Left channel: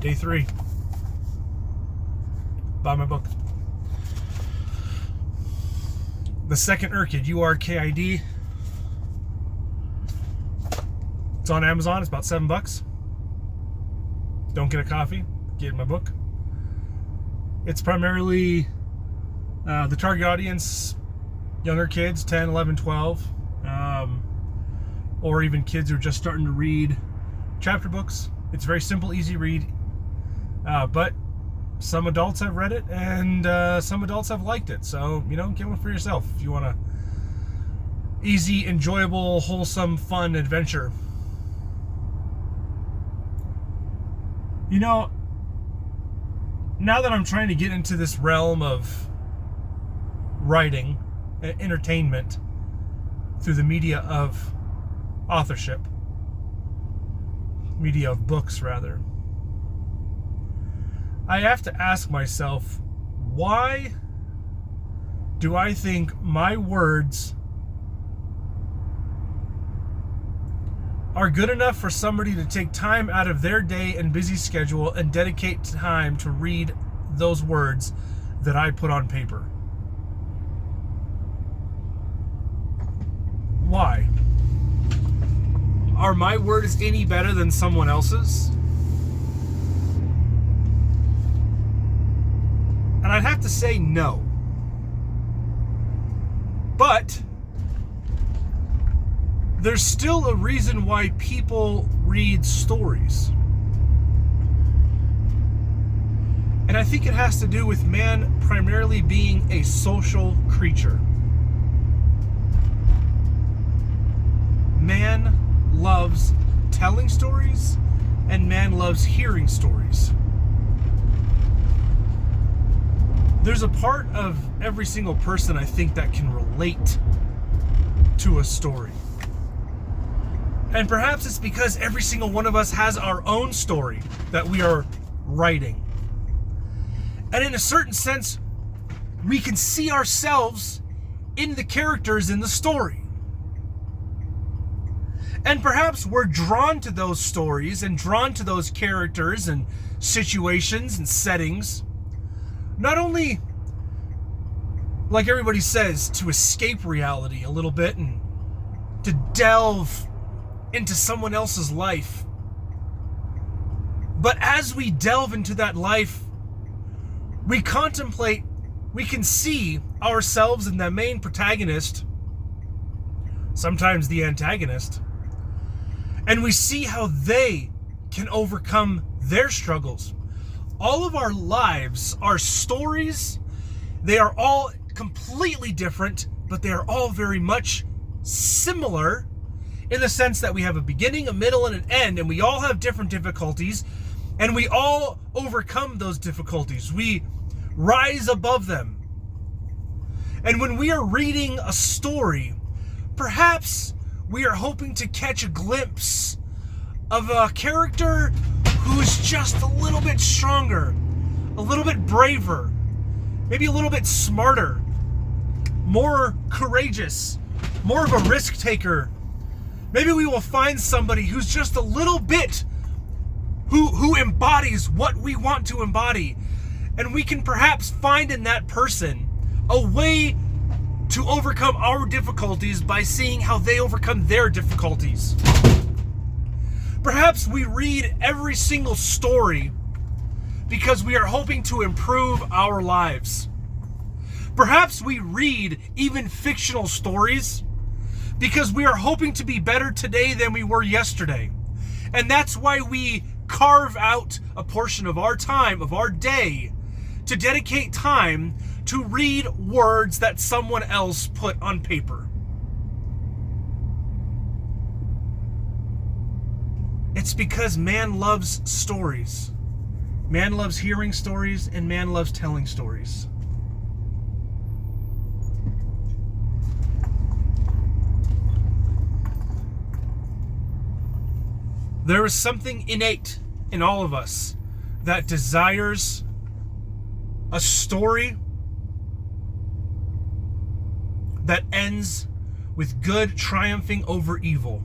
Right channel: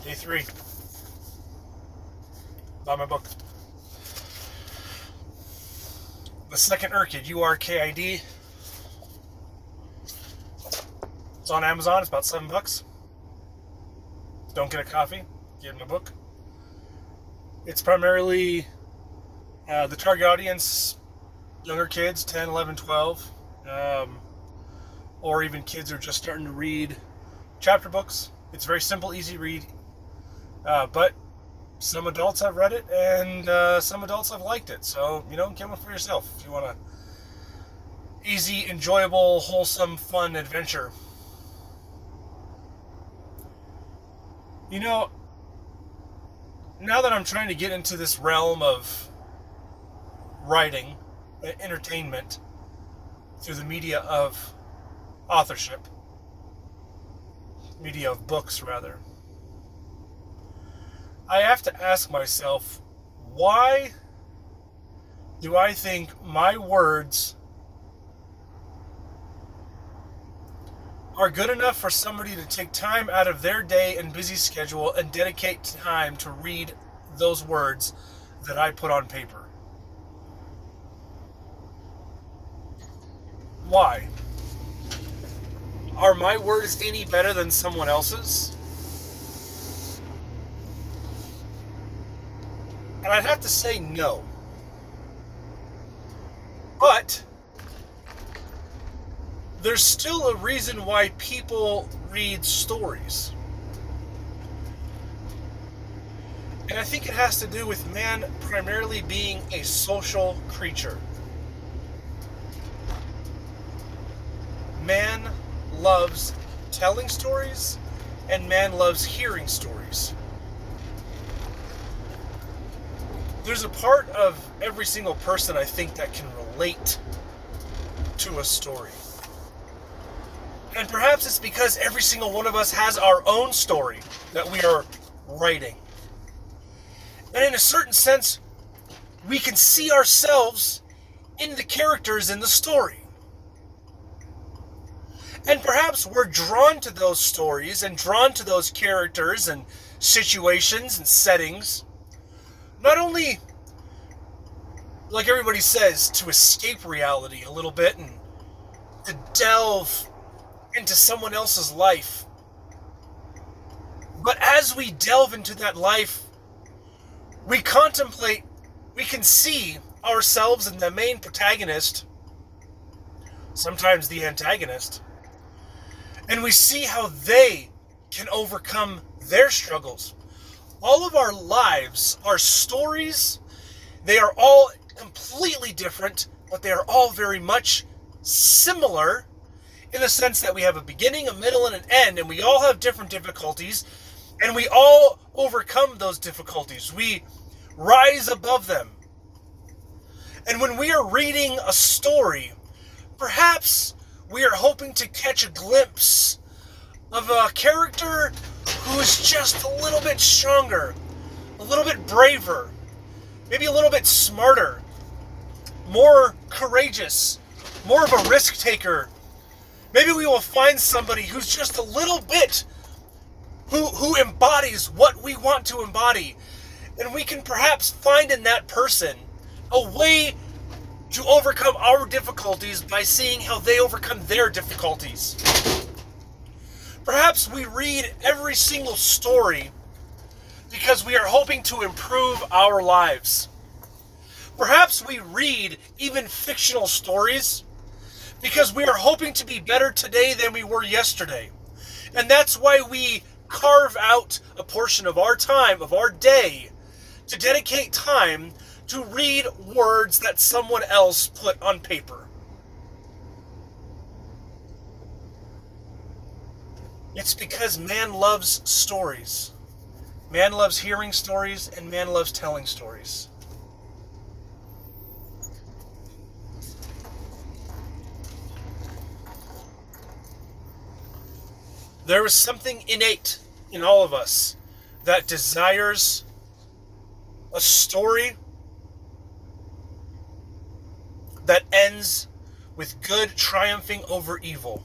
Day 3. Buy my book. The Second Urkid, URKID. It's on Amazon. It's about $7. Don't get a coffee. Get my book. It's primarily the target audience, younger kids, 10, 11, 12, or even kids who are just starting to read chapter books. It's very simple, easy read, but some adults have read it and some adults have liked it. So, get one for yourself if you want a easy, enjoyable, wholesome, fun adventure. Now that I'm trying to get into this realm of writing, entertainment, through the media of authorship, media of books rather, I have to ask myself, why do I think my words are good enough for somebody to take time out of their day and busy schedule and dedicate time to read those words that I put on paper? Why? Are my words any better than someone else's? And I'd have to say no. But there's still a reason why people read stories. And I think it has to do with man primarily being a social creature. Man loves telling stories, and man loves hearing stories. There's a part of every single person, I think, that can relate to a story. And perhaps it's because every single one of us has our own story that we are writing. And in a certain sense, we can see ourselves in the characters in the story. And perhaps we're drawn to those stories and drawn to those characters and situations and settings, not only, like everybody says, to escape reality a little bit and to delve into someone else's life, but as we delve into that life, we contemplate, we can see ourselves in the main protagonist, sometimes the antagonist, and we see how they can overcome their struggles. All of our lives are stories. They are all completely different, but they are all very much similar in the sense that we have a beginning, a middle, and an end, and we all have different difficulties, and we all overcome those difficulties. We rise above them. And when we are reading a story, perhaps we are hoping to catch a glimpse of a character who is just a little bit stronger, a little bit braver, maybe a little bit smarter, more courageous, more of a risk taker. Maybe we will find somebody who's just a little bit, who embodies what we want to embody. And we can perhaps find in that person a way to overcome our difficulties by seeing how they overcome their difficulties. Perhaps we read every single story because we are hoping to improve our lives. Perhaps we read even fictional stories because we are hoping to be better today than we were yesterday. And that's why we carve out a portion of our time, of our day, to dedicate time to read words that someone else put on paper. It's because man loves stories. Man loves hearing stories, and man loves telling stories. There is something innate in all of us that desires a story that ends with good triumphing over evil.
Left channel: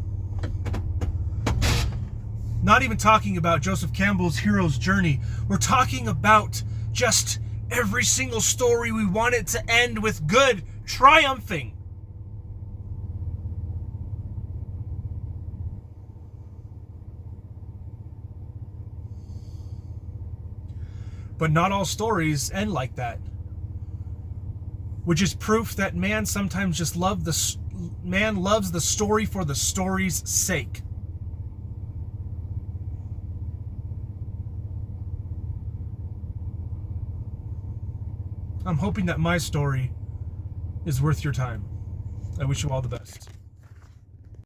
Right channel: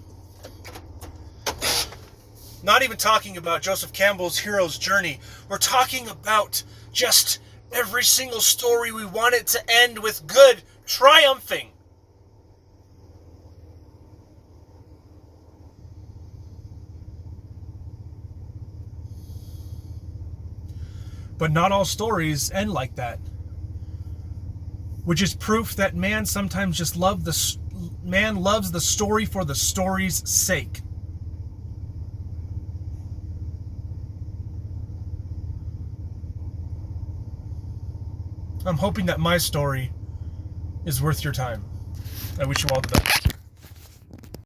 Not even talking about Joseph Campbell's hero's journey. We're talking about just every single story we want it to end with good triumphing. But not all stories end like that. Which is proof that man sometimes just loves the story for the story's sake. I'm hoping that my story is worth your time. I wish you all the best.